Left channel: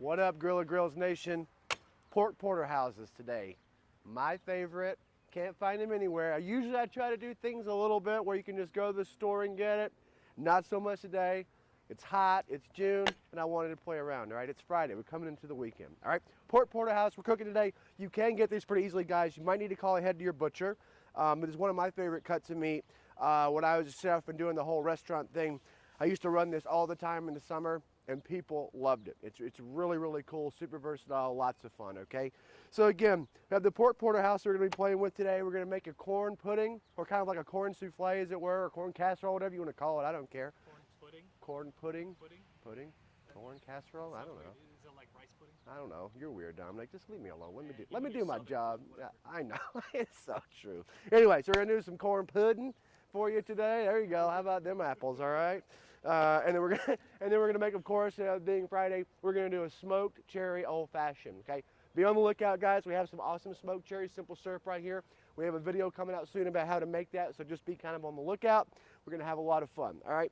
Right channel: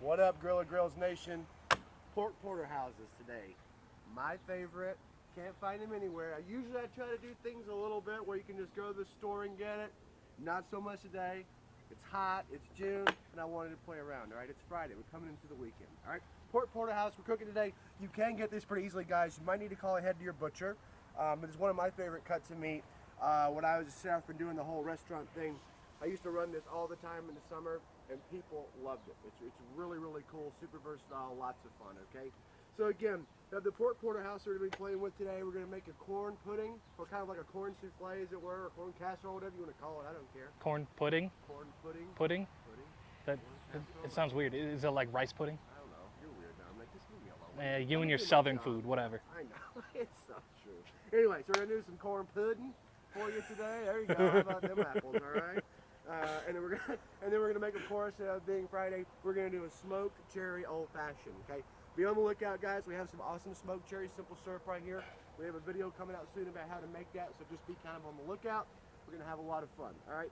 What up, Grilla Grills Nation? Pork porterhouses today. My favorite. Can't find them anywhere. Usually I try to do things a little bit where you can just go to the store and get it. Not so much today. It's hot, it's June, and I wanted to play around, all right? It's Friday, we're coming into the weekend, all right? Pork porterhouse, we're cooking today. You can get these pretty easily, guys. You might need to call ahead to your butcher. It is one of my favorite cuts of meat. When I was a chef and doing the whole restaurant thing, I used to run this all the time in the summer, and people loved it. It's really, really cool, super versatile, lots of fun, okay? So again, we have the pork porterhouse we're gonna be playing with today. We're gonna make a corn pudding, or kind of like a corn souffle, as it were, or corn casserole, whatever you wanna call it, I don't care. Corn pudding? Corn pudding. Pudding? Pudding. That, corn casserole. it sounds weird. Is it like rice pudding? I don't know. You're weird, Dominic. Just leave me alone. Yeah, Let you me and your do my southern job. food, whatever. I know. It's so true. Anyway, so we're gonna do some corn pudding for you today. There you go. How about them apples? All right. And then we're gonna make, of course, being Friday, we're gonna do a smoked cherry old fashioned. Okay. Be on the lookout, guys. We have some awesome smoked cherry simple syrup right here. We have a video coming out soon about how to make that, so just be kind of on the lookout. We're gonna have a lot of fun. All right.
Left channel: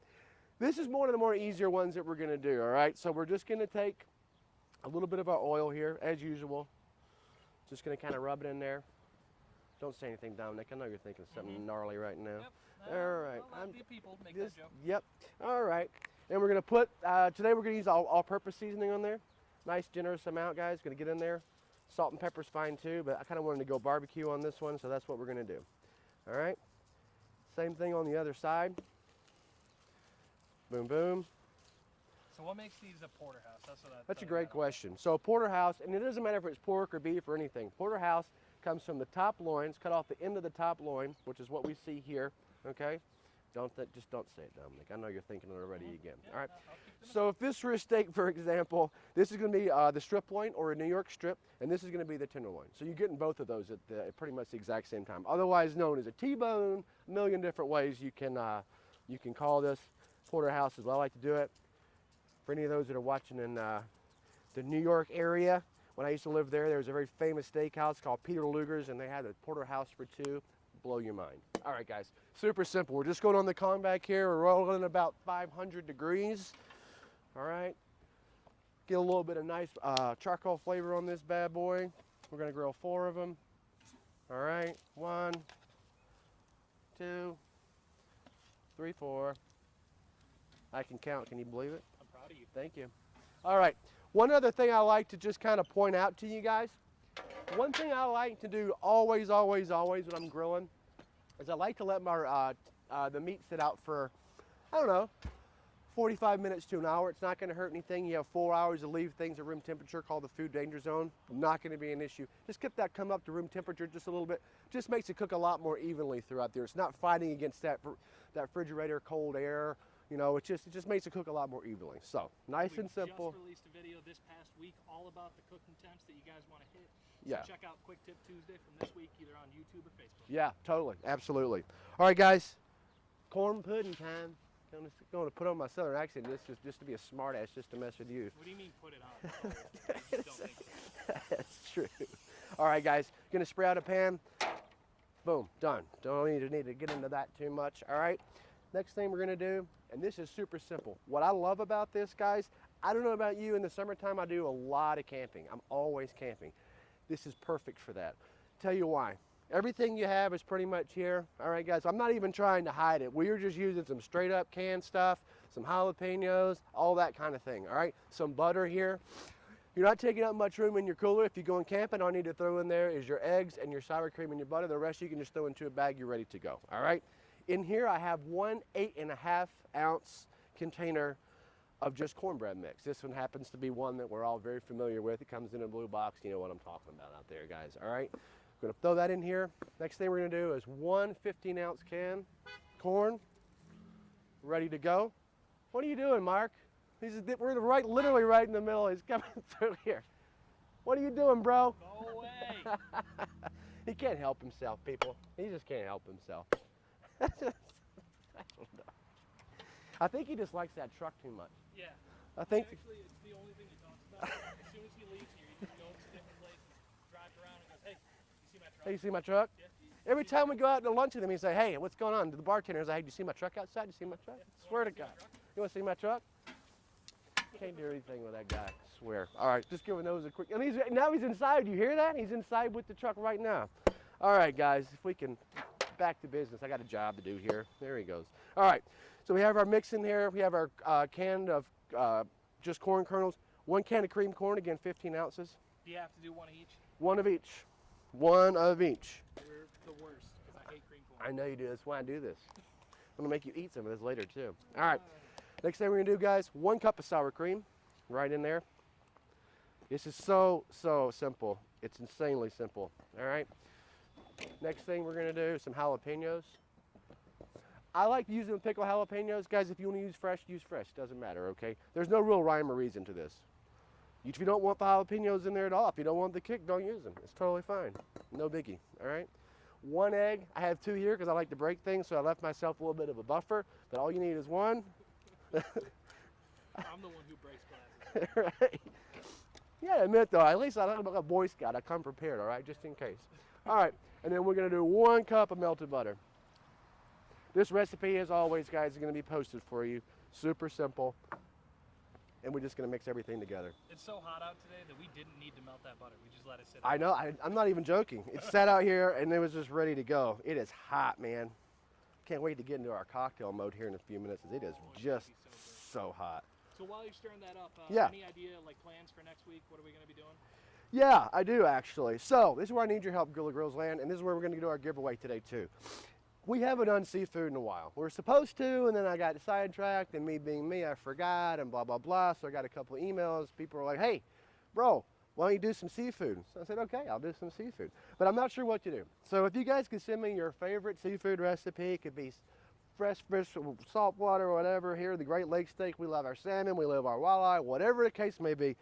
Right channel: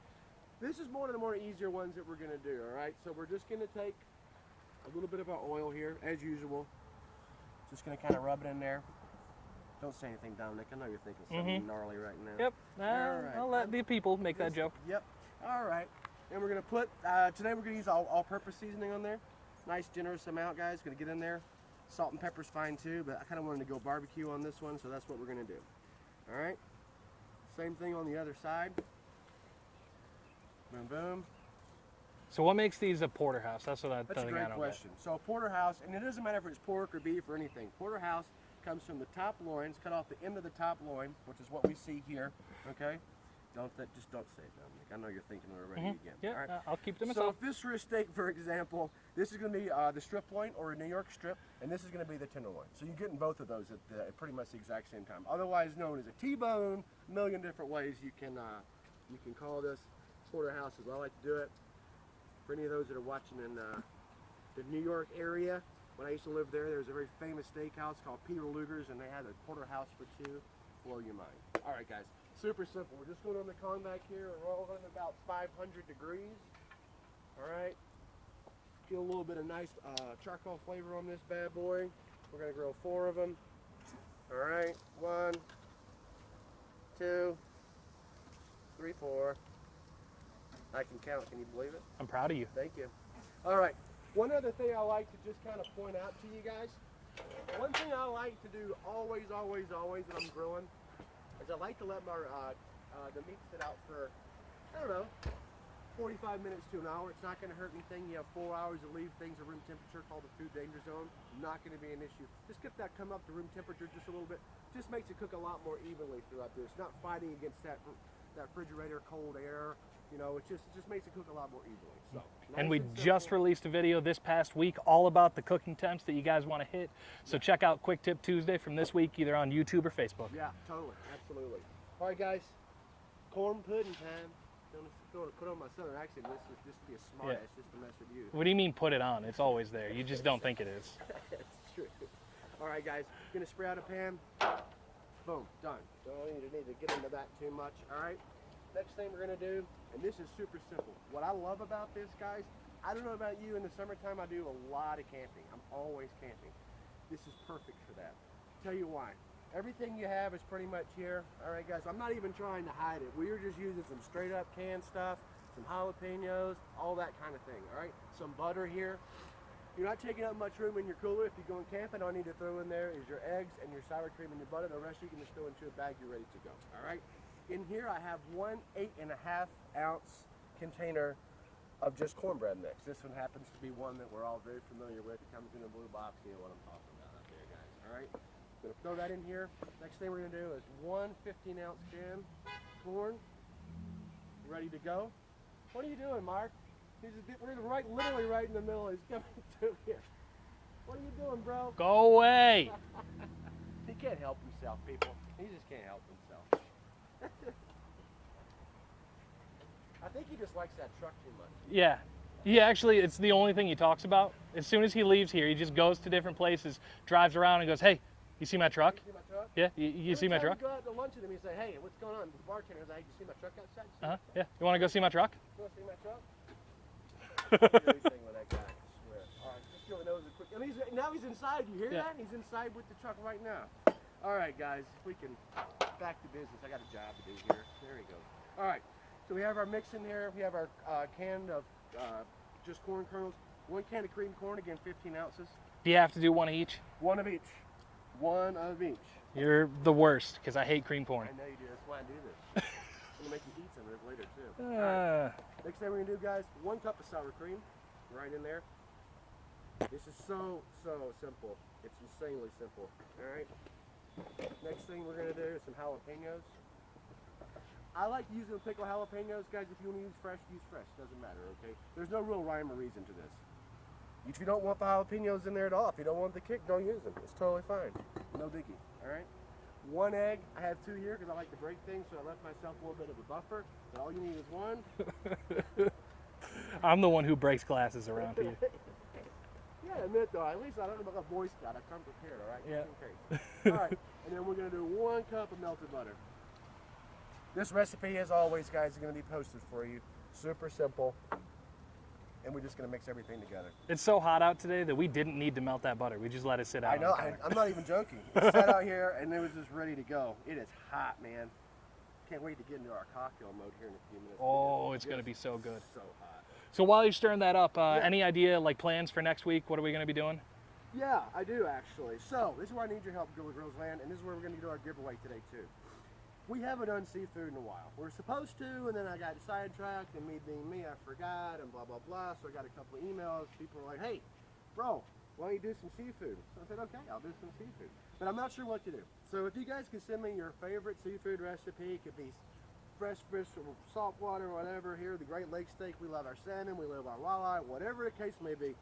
This is one of the more easier ones that we're gonna do. All right. So we're just gonna take a little bit of our oil here, as usual. Just gonna kind of rub it in there. Don't say anything, Dominic. I know you're thinking something gnarly right now. Yep. All right. I'll let the people make that joke. Yep. All right. Then we're gonna put, today we're gonna use all-purpose seasoning on there. Nice generous amount, guys. Gonna get in there. Salt and pepper's fine too, but I kind of wanted to go barbecue on this one, so that's what we're gonna do. All right. Same thing on the other side. Boom, boom. So what makes these a porterhouse? That's what That's a great question. So a porterhouse, and it doesn't matter if it's pork or beef or anything. Porterhouse comes from the top loins, cut off the end of the top loin, which is what we see here. Okay. Just don't say it, Dominic. I know you're thinking it already again. Yeah, all right. I'll keep them. So if this were a steak, for example, this is going to be the strip loin or a New York strip, and this is going to be the tenderloin. So you're getting both of those at pretty much the exact same time. Otherwise known as a T-bone, a million different ways you can call this porterhouse, as I like to do it. For any of those that are watching in the New York area, when I used to live there, there was a very famous steakhouse called Peter Luger's, and they had a porterhouse for two. Blow your mind. All right, guys. Super simple. We're just going on the con back here. We're rolling about 500 degrees. All right. Get a little bit of nice charcoal flavor on this bad boy. We're going to grill 4 of them. All right. 1, 2, 3, 4. I can count. Can you believe it? I'm proud of you. Thank you. All right. One other thing I like to just kind of point out to you guys. One thing I like to do always when I'm grilling is I like to let my the meat sit out for, I don't know, 45 minutes to an hour. It's not going to hurt anything. You have 4 hours to leave things at room temperature, called the food danger zone. Not going to be an issue. Just get that come up to room temperature just a little bit. Just makes it cook a lot more evenly throughout there. It's not fighting against that refrigerator cold air. You know, it just makes it cook a lot more evenly. So, nice and we simple. just released a video this past week all about the cooking temps that you guys want to hit. So check out Quick Tip Tuesday from this week, either on YouTube or Facebook. Yeah, totally, absolutely. All right, guys, corn pudding time. I'm going to put on my southern accent. This is just to be a smart ass, just to mess with you. What do you mean put it on? It's always there. You just don't think it is. That's true. All right, guys, going to spray out a pan. Boom, done. Don't need to get into that too much. All right. Next thing we're going to do, and this is super simple. What I love about this, guys, I don't know about you, in the summertime I do a lot of camping. I'm always camping. This is perfect for that. Tell you why. Everything you have is pretty much here. All right, guys, I'm not even trying to hide it. We're just using some straight up canned stuff, some jalapenos, all that kind of thing, all right? Some butter here. You're not taking up much room in your cooler. If you're going camping, all you need to throw in there is your eggs and your sour cream and your butter. The rest you can just throw into a bag. You're ready to go, all right? In here, I have 1 8.5 ounce container of just cornbread mix. This one happens to be one that we're all very familiar with. It comes in a blue box. You know what I'm talking about out there, guys. All right, I'm gonna throw that in here. Next thing we're gonna do is 1 15-ounce can corn, ready to go. What are you doing, Mark? We're literally right in the middle. He's coming through here. What are you doing, bro? Go away. He can't help himself, people. He just can't help himself. I think he just likes that truck too much. Yeah. Actually, it's the only thing he talks about. As soon as he leaves here, he just goes to different places, drives around and goes, hey, you see my truck? You see my truck? Yeah, you see my truck? Every time we go out to lunch with him, he say, hey, what's going on? The bartender is like, hey, do you see my truck outside? You see my truck? Yeah. You want to go see my truck? You want to see my truck? I can't do anything with that guy, I swear. All right. right, just giving those a quick, and now he's inside. You hear that? He's inside with the truck right now. All right, guys, if we can back to business. I got a job to do here. There he goes. All right, so we have our mix in here. We have our can of just corn kernels. 1 can of cream corn, again, 15 ounces. Do you have to do one of each? One of each. One of each. You're the worst, because I hate cream corn. I know you do. That's why I do this. I'm going to make you eat some of this later, too. All right. Next thing we're going to do, guys, 1 cup of sour cream right in there. This is so simple. It's insanely simple. All right. Next thing we're going to do is some jalapenos. I like using the pickled jalapenos. Guys, if you want to use fresh, doesn't matter, okay? There's no real rhyme or reason to this. If you don't want the jalapenos in there at all, if you don't want the kick, don't use them. It's totally fine. No biggie, all right? 1 egg. I have 2 here because I like to break things, so I left myself a little bit of a buffer. But all you need is 1. I'm the one who breaks glasses around here. Yeah, admit though, at least I'm like a Boy Scout. I come prepared, all right, just in case. All right, and then we're gonna do 1 cup of melted butter. This recipe, as always, guys, is gonna be posted for you. Super simple. And we're just gonna mix everything together. It's so hot out today that we didn't need to melt that butter. We just let it sit out. I know, I'm not even joking. It sat out here and it was just ready to go. It is hot, man. Can't wait to get into our cocktail mode here in a few minutes. Oh, it's gonna be so good. So hot. So while you're stirring that up, any idea, like plans for next week? What are we gonna be doing? Yeah, I do actually. So this is where I need your help, Grilla Girls Land, and this is where we're gonna do our giveaway today too. We haven't done seafood in a while. We're supposed to, and then I got sidetracked, and me being me, I forgot, and blah, blah, blah. So I got a couple of emails. People were like, hey, bro, why don't you do some seafood? So I said, okay, I'll do some seafood. But I'm not sure what to do. So if you guys can send me your favorite seafood recipe, it could be fresh fish, salt water, whatever. Here, the Great Lakes steak, we love our salmon, we love our walleye, whatever the case may be.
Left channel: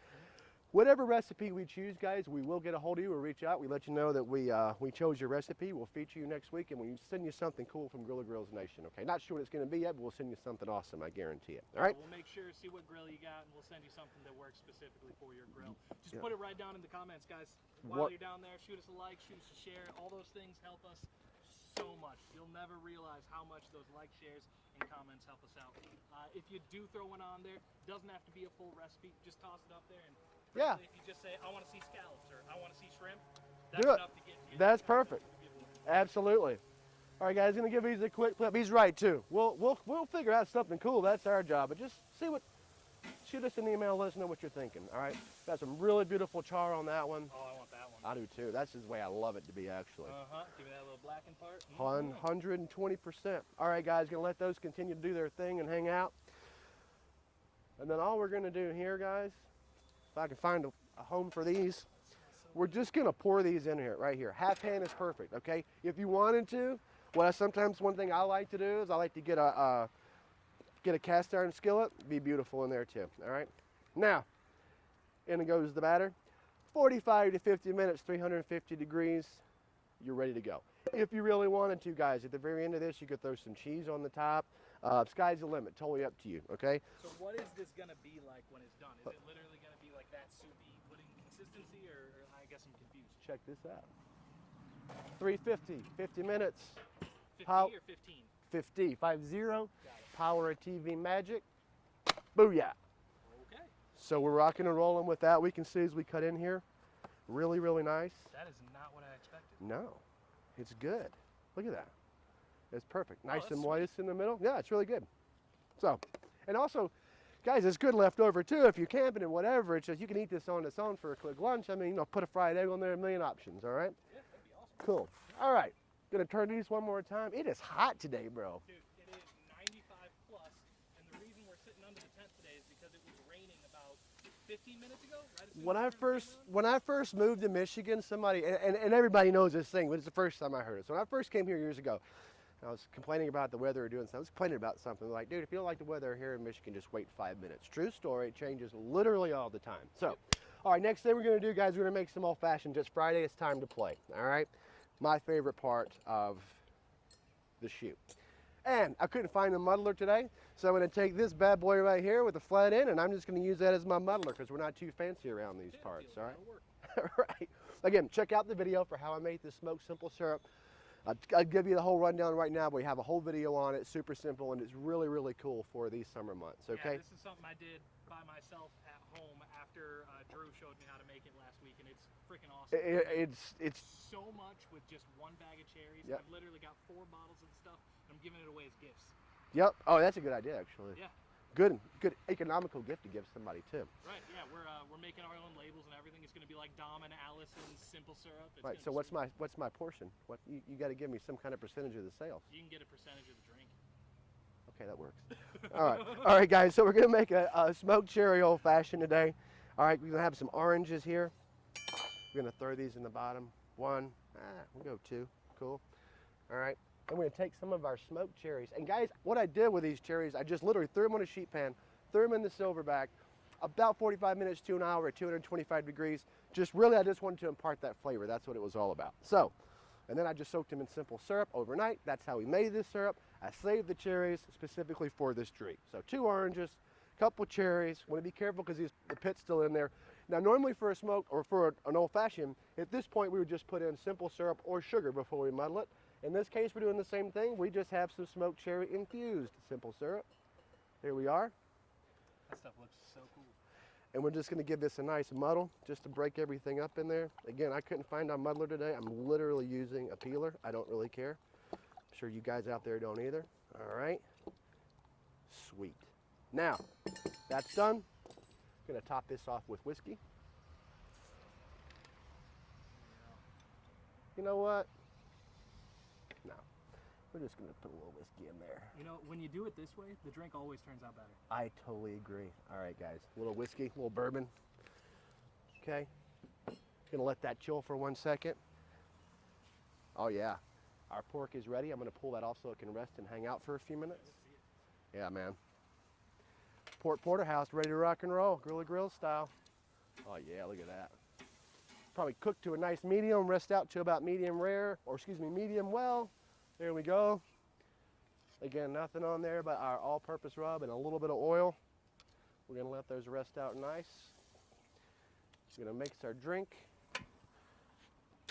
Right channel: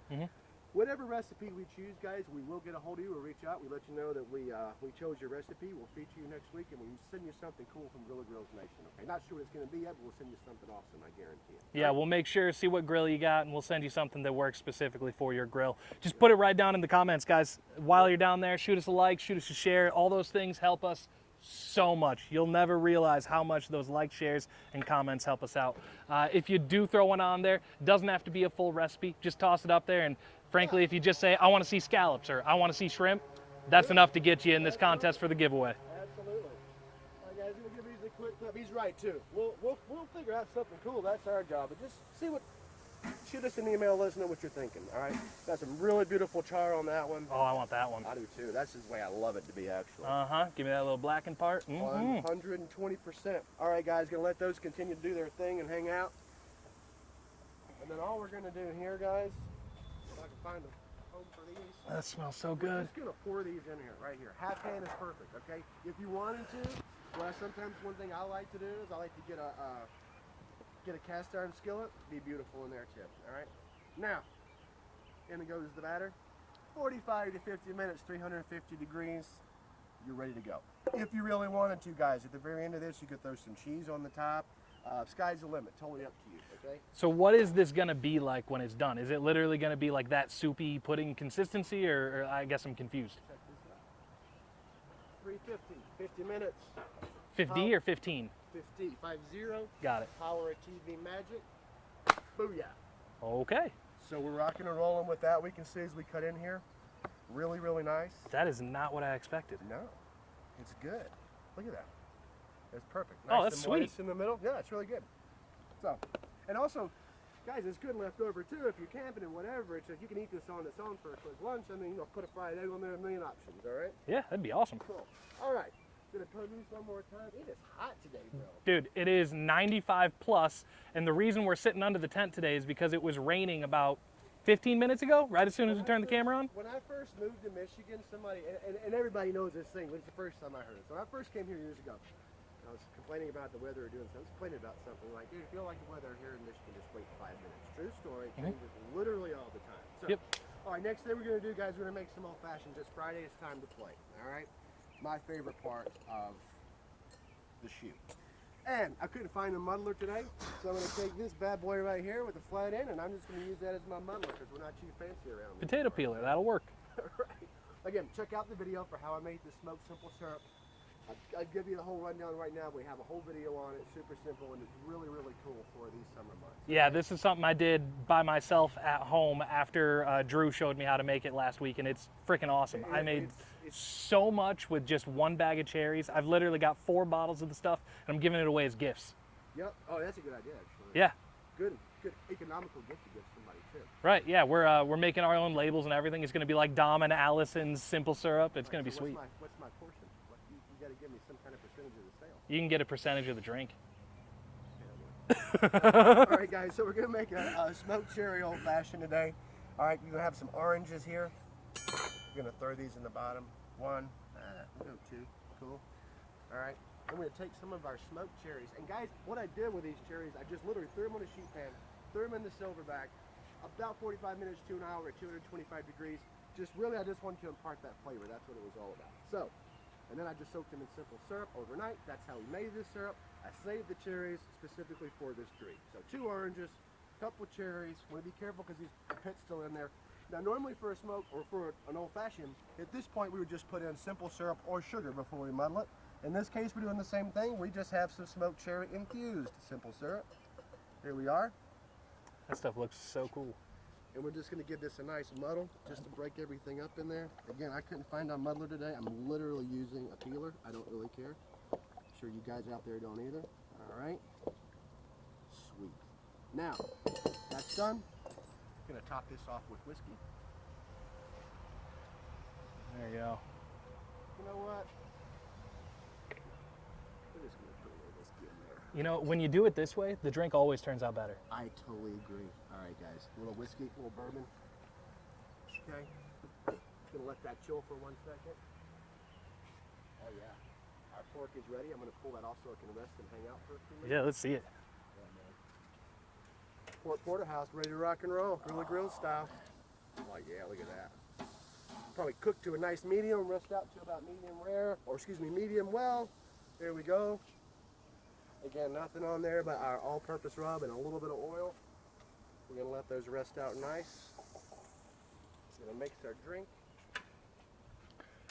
Whatever recipe we choose, guys, we will get a hold of you or reach out. We let you know that we chose your recipe. We'll feature you next week, and we'll send you something cool from Grilla Grills Nation, okay? Not sure what it's going to be yet, but we'll send you something awesome, I guarantee it. Yeah, we'll make sure, see what grill you got, and we'll send you something that works specifically for your grill. Just put it right down in the comments, guys. While you're down there, shoot us a like, shoot us a share. All those things help us so much. You'll never realize how much those likes, shares, and comments help us out. If you do throw one on there, it doesn't have to be a full recipe. Just toss it up there, and frankly, if you just say, I want to see scallops or I want to see shrimp, that's enough to get you in this contest for the giveaway. Absolutely. All right, guys, gonna give these a quick clip. He's right too. We'll figure out something cool. That's our job. But just see what. Shoot us an email. Let us know what you're thinking. All right. Got some really beautiful char on that one. Oh, I want that one. I do too. That's the way I love it to be, actually. Give me that little blackened part. 120%. All right, guys, gonna let those continue to do their thing and hang out. And then all we're gonna do here, guys, if I can find a home for these. That smells so good. We're just gonna pour these in here, right here. Half pan is perfect, okay? If you wanted to, sometimes one thing I like to do is I like to get a cast iron skillet. Be beautiful in there too, all right? Now, in goes the batter. 45 to 50 minutes, 350 degrees, you're ready to go. If you really wanted to, guys, at the very end of this, you could throw some cheese on the top. Sky's the limit, totally up to you, okay? So what is this gonna be like when it's done? Is it literally gonna be like that soupy pudding consistency, or I guess I'm confused? Check this out. 350, 50 minutes. 50 or 15? 50, 50. Got it. Power of TV magic. Booyah. Okay. So we're rocking and rolling with that. We can see as we cut in here. Really, really nice. That is not what I expected. No, it's good. Look at that. It's perfect. Nice that's and sweet. moist in the middle. Yeah, it's really good. So, and also, guys, it's good left over too. If you're camping and whatever, it's just you can eat this on its own for a quick lunch. I mean, put a fried egg on there, a million options. All right. Yeah, that'd be awesome. Cool. All right. Gonna turn these one more time. It is hot today, bro. Dude, it is 95 plus, and the reason we're sitting under the tent today is because it was raining about 15 minutes ago, right as soon as I turned the camera on. When I first moved to Michigan, somebody, and everybody knows this thing, but it's the first time I heard it. So when I first came here years ago, I was complaining about the weather or doing something. I was complaining about something like, dude, if you don't like the weather here in Michigan, just wait 5 minutes. True story, it changes literally all the time. So, all right, next thing we're gonna do, guys, we're gonna make some old fashioned. Just Friday, it's time to play, all right? My favorite part of the shoot. And I couldn't find a muddler today, so I'm gonna take this bad boy right here with a flat end, and I'm just gonna use that as my muddler because we're not too fancy around these Potato parts, peeler, so. that'll work. Right. Again, check out the video for how I made this smoked simple syrup. I'll give you the whole rundown right now. We have a whole video on it, super simple, and it's really, really cool for these summer months. Okay? Yeah, this is something I did by myself at home after Drew showed me how to make it last week, and it's freaking awesome. I made it's so much with just one bag of cherries. I've literally got 4 bottles of the stuff, and I'm giving it away as gifts. Yep. Oh, that's a good idea, actually. Yeah. Good economical gift to give somebody too. Right. Yeah, we're making our own labels and everything. It's going to be like Dom and Allison's simple syrup. It's going to be sweet. What's my portion? You got to give me some kind of percentage of the sale. You can get a percentage of the drink. Okay, that works. All right, guys. So we're going to make a smoked cherry old fashioned today. All right, we're going to have some oranges here. We're going to throw these in the bottom. 1, we'll go 2. Cool. All right. And we're going to take some of our smoked cherries. And guys, what I did with these cherries, I just literally threw them on a sheet pan, threw them in the silverback, about 45 minutes to an hour at 225 degrees. I just wanted to impart that flavor. That's what it was all about. So, and then I just soaked them in simple syrup overnight. That's how we made this syrup. I saved the cherries specifically for this treat. So 2 oranges, couple cherries. Want to be careful because the pit's still in there. Now, normally for a smoke or for an old fashioned, at this point we would just put in simple syrup or sugar before we muddle it. In this case, we're doing the same thing. We just have some smoked cherry infused simple syrup. There we are. That stuff looks so cool. And we're just going to give this a nice muddle just to break everything up in there. Again, I couldn't find our muddler today. I'm literally using a peeler. I don't really care. I'm sure you guys out there don't either. All right. Sweet. Now, that's done. I'm going to top this off with whiskey. There you go. You know what? We're just going to put a little whiskey in there. You know, when you do it this way, the drink always turns out better. I totally agree. All right, guys. A little whiskey, a little bourbon. Okay. Going to let that chill for 1 second. Oh, yeah. Our pork is ready. I'm going to pull that off so it can rest and hang out for a few minutes. Yeah, let's see it. Yeah, man. PORK Porterhouse, ready to rock and roll. Grilla grill style. Oh, yeah, look at that. Probably cooked to a nice medium, rest out to about medium rare, or excuse me, medium well. There we go. Again, nothing on there but our all-purpose rub and a little bit of oil. We're gonna let those rest out nice. Just gonna mix our drink.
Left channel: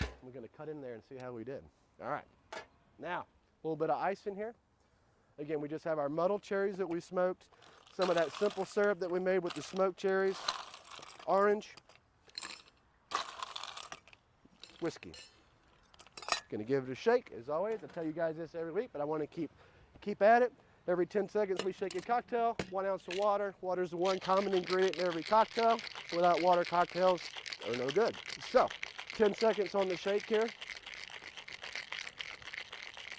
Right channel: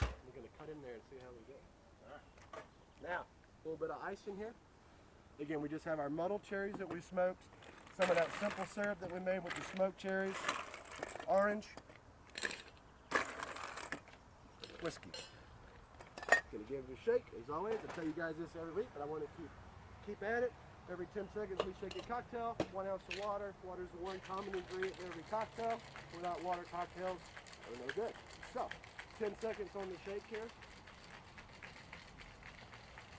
We're gonna cut in there and see how we did. All right. Now, a little bit of ice in here. Again, we just have our muddled cherries that we smoked, some of that simple syrup that we made with the smoked cherries, orange, whiskey. Gonna give it a shake, as always. I tell you guys this every week, but I want to keep at it. Every 10 seconds we shake a cocktail, 1 ounce of water. Water is the one common ingredient in every cocktail. Without water, cocktails are no good. So, 10 seconds on the shake here.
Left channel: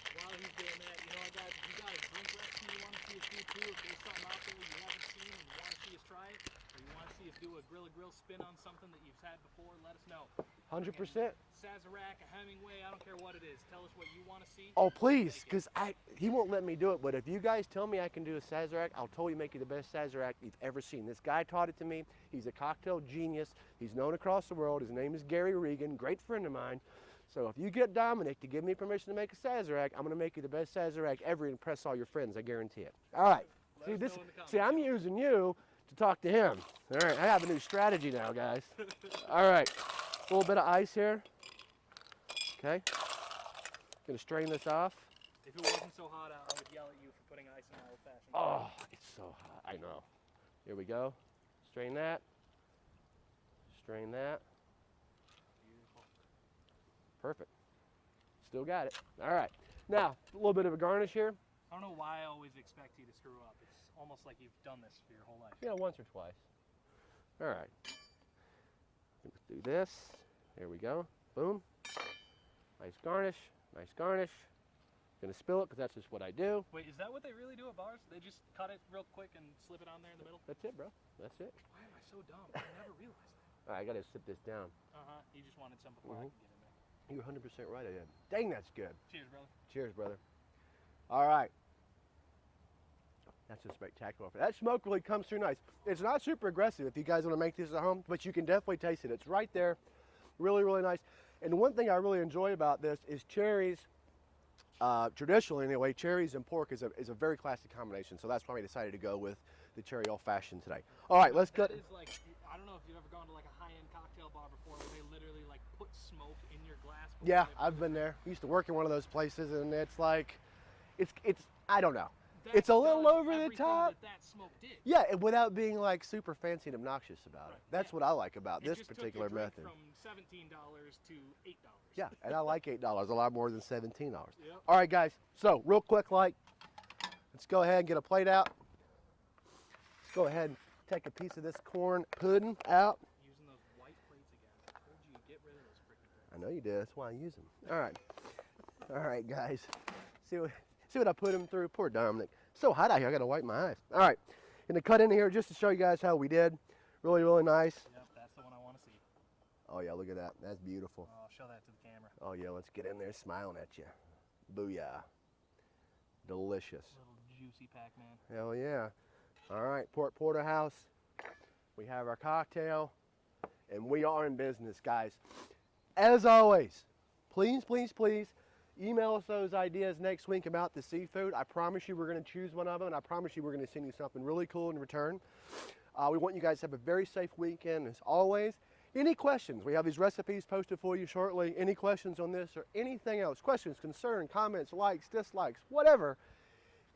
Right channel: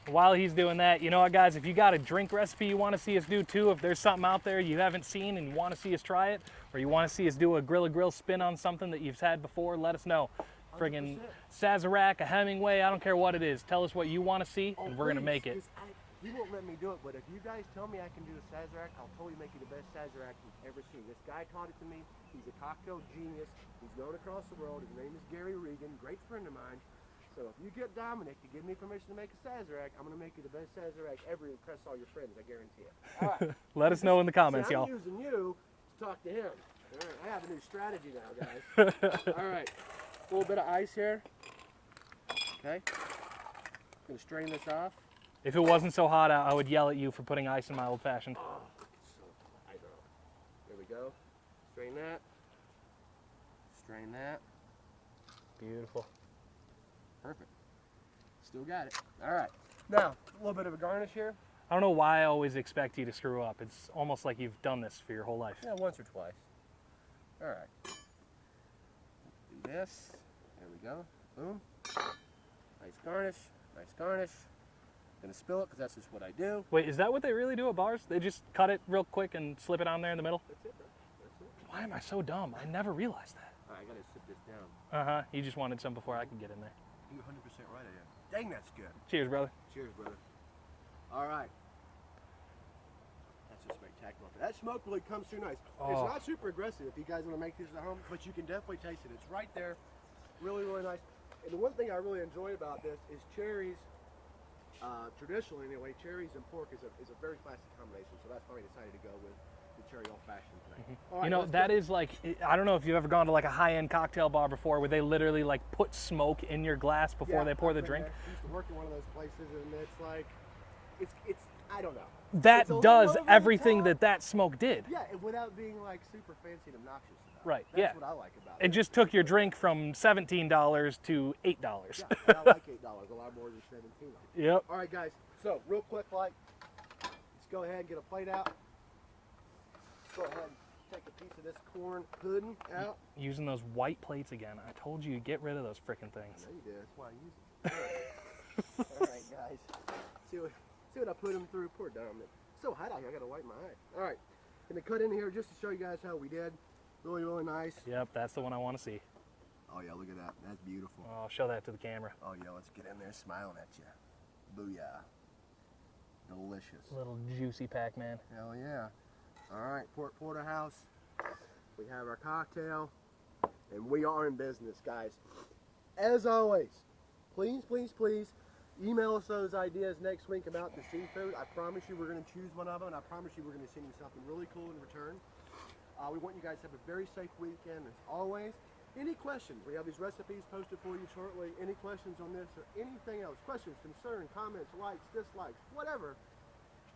While he's doing that, you know what, guys, if you got a drink recipe you want to see us do too, if there's something out there you haven't seen and you want to see us try it, or you want to see us do a Grilla Grill spin on something that you've had before, let us know. Friggin' 100%. Sazerac, a Hemingway, I don't care what it is. Tell us what you want to see, and we're going to make it. Because he won't let me do it, but if you guys tell me I can do a Sazerac, I'll totally make you the best Sazerac you've ever seen. This guy taught it to me. He's a cocktail genius. He's known across the world. His name is Gary Regan, great friend of mine. So if you get Dominic to give me permission to make a Sazerac, I'm going to make you the best Sazerac ever and impress all your friends, I guarantee it. All right. Let us know in the comments, y'all. I'm using you to talk to him. All right, I have a new strategy now, guys. All right, a little bit of ice here. Okay, gonna strain this off. If it wasn't so hot out, I would yell at you for putting ice in my old fashioned. Oh, it's so hot, I know. Here we go, strain that. Strain that. Beautiful. Perfect. Still got it. All right, now a little bit of a garnish here. I don't know why I always expect you to screw up. It's almost like you've done this for your whole life. Yeah, once or twice. All right. Let's do this. There we go. Boom. Nice garnish. Nice garnish. Gonna spill it because that's just what I do. Wait, is that what they really do at bars? They just cut it real quick and slip it on there in the middle? That's it, bro. That's it. Why am I so dumb? I never realized that. All right, I gotta sit this down. Uh-huh. You just wanted some before I could get in there. You're 100% right, I did. Dang, that's good. Cheers, brother. Cheers, brother. All right. That's just spectacular. That smoke really comes through nice. Oh. It's not super aggressive if you guys want to make this at home, but you can definitely taste it. It's right there. Really, really nice. And one thing I really enjoy about this is cherries. Traditionally, anyway, cherries and pork is a very classic combination. So that's why we decided to go with the cherry old fashioned today. All right, You know, let's that go. is like, I don't know if you've ever gone to like a high-end cocktail bar before where they literally like put smoke in your glass before they pour I've the been drink. there. I used to work in one of those places, and it's like, it's I don't know. That It's a little does over the everything top. that smoke did. Yeah, and without being like super fancy and obnoxious about it. Right, That's yeah. what I like about it. It just took your drink from $17 to $8. Yeah, and I like $8 a lot more than $17. Yep. All right, guys. So real quick, let's go ahead and get a plate out. Let's go ahead and take a piece of this corn pudding out. Using those white plates again. I told you to get rid of those freaking things. I know you did. That's why I use them. All right. All right, guys. See what I put them through. Poor Dominic. It's so hot out here. I got to wipe my eyes. All right. Gonna cut in here just to show you guys how we did. Really, really nice. Yep, that's the one I want to see. Oh yeah, look at that. That's beautiful. I'll show that to the camera. Oh yeah, let's get in there smiling at you. Booyah. Delicious. Little juicy Pac-Man. Hell yeah. All right, Pork Porterhouse. We have our cocktail, and we are in business, guys. As always, please, please, please, email us those ideas next week about the seafood. I promise you we're going to choose one of them, and I promise you we're going to send you something really cool in return. We want you guys to have a very safe weekend, as always. Any questions? We have these recipes posted for you shortly. Any questions on this or anything else? Questions, concerns, comments, likes, dislikes, whatever.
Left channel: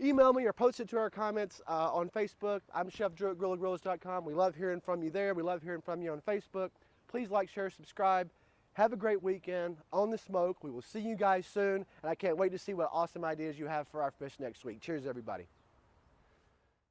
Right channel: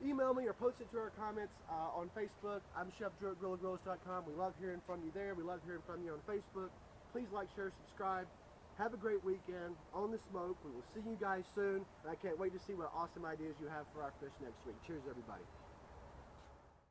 Email me or post it to our comments on Facebook. I'm Chef Drew at GrillaGrillas.com. We love hearing from you there. We love hearing from you on Facebook. Please like, share, subscribe. Have a great weekend on the smoke. We will see you guys soon, and I can't wait to see what awesome ideas you have for our fish next week. Cheers, everybody.